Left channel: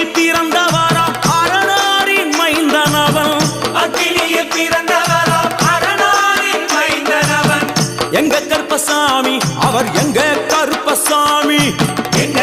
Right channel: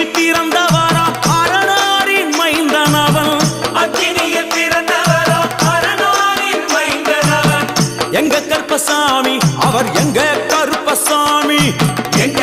அக்கினியில் பிறந்தவராம் அரணாரின் மைந்தனவன். அக்கினியில் பிறந்தவரோ அரணாரின் மைந்தனவன். எங்க கருப்பசாமி அவர் எங்க கருப்பசாமி? எங்க